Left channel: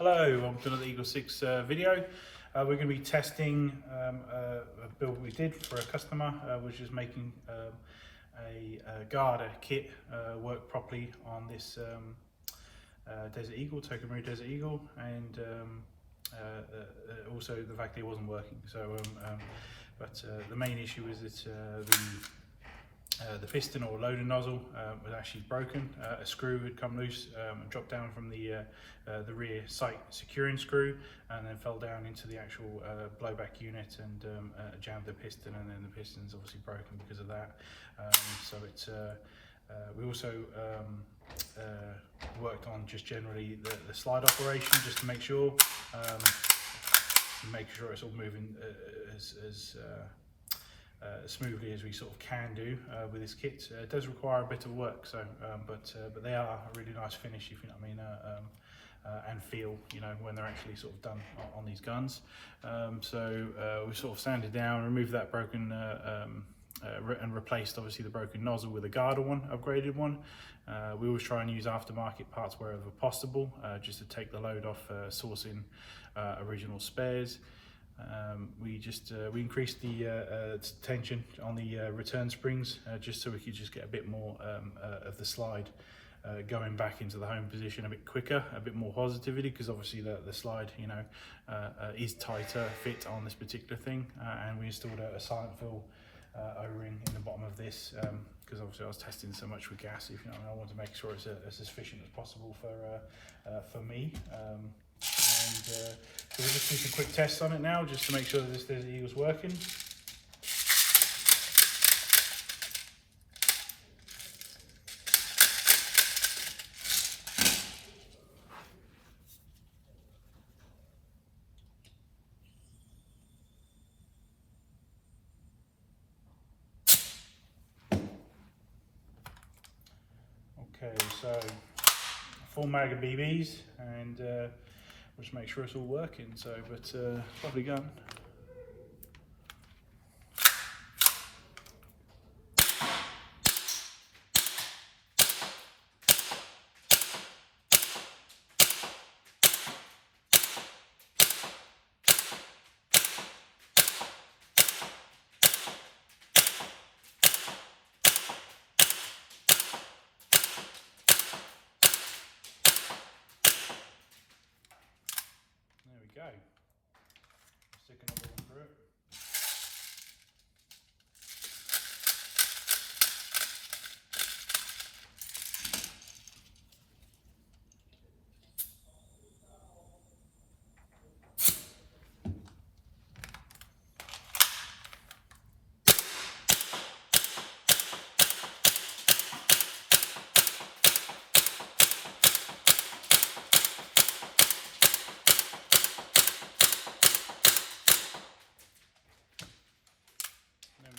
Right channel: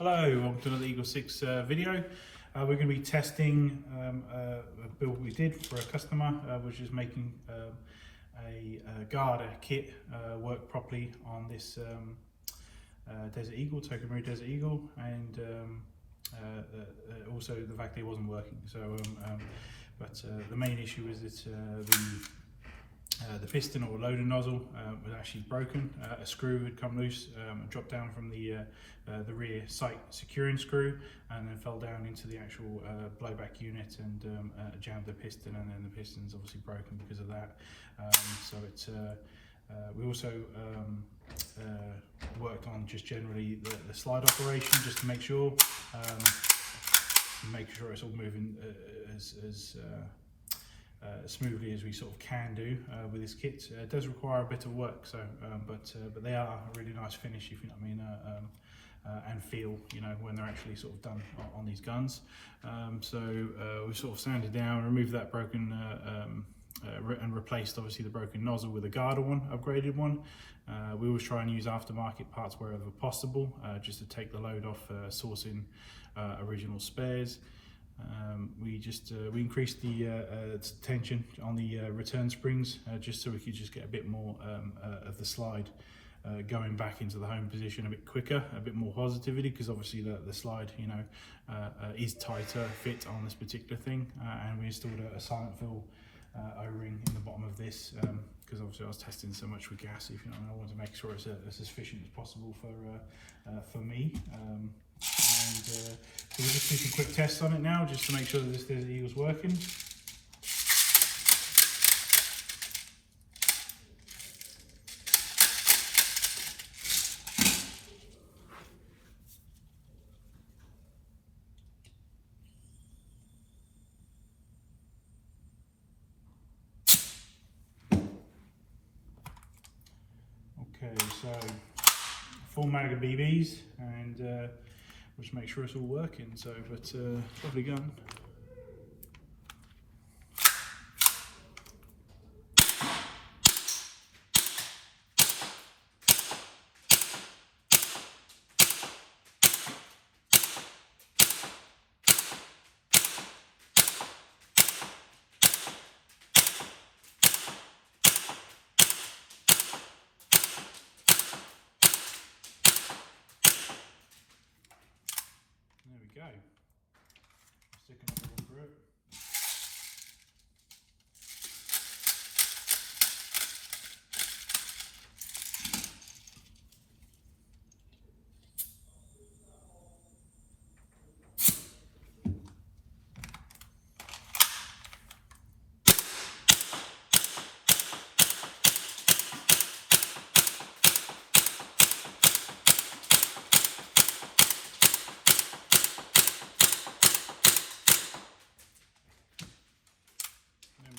Hello, welcome to another Eagle 6 video. We're going to be testing a build we did for a customer, which is making a garter kit work properly on this Desert Eagle, Tokamoru Desert Eagle, and also the fact that it wasn't working. But the main issue is that the piston or loader nozzle was actually broken. A screw had come loose and dropped down from the rear sight securing screw, and then fell down into the actual blowback unit and jammed the piston, and then the piston's obviously broken because of that. We also worked on just generally the slide operation, just to make sure it's all moving as smoothly as we sort of can do with this kit. It does require a bit of work, but they are a really nice finish, if you know what I mean, and feel, you know, when they're actually sort of done on these guns. We sort of sanded down, removed that broken and replaced obviously the broken nozzle with a garter one, upgraded one. We always try and use aftermarket parts wherever possible, just to take the load off sourcing original spares. We increased the tension on the return springs, just so we could just get a bit more of the slide going back into the home position a bit quicker, a bit more positivity, because obviously the slide, you know, is tighter fit on this particular thing. And we installed a silent fill O-ring in the bottom of this, because obviously I was testing so much with gas, if you know, I wanted to make sure it's as efficient as possible for me. So we'll just do some quick tests on it now, just to make sure that this Desert Eagle's working. Okay, so full mag of BBs, and just make sure it's all working. Lovely gun. Go. Stick another one through it.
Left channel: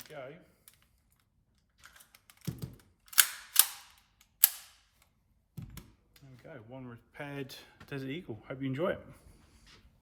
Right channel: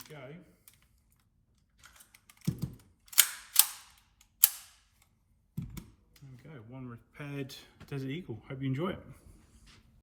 Go. There we go, one repaired Desert Eagle. Hope you enjoy it.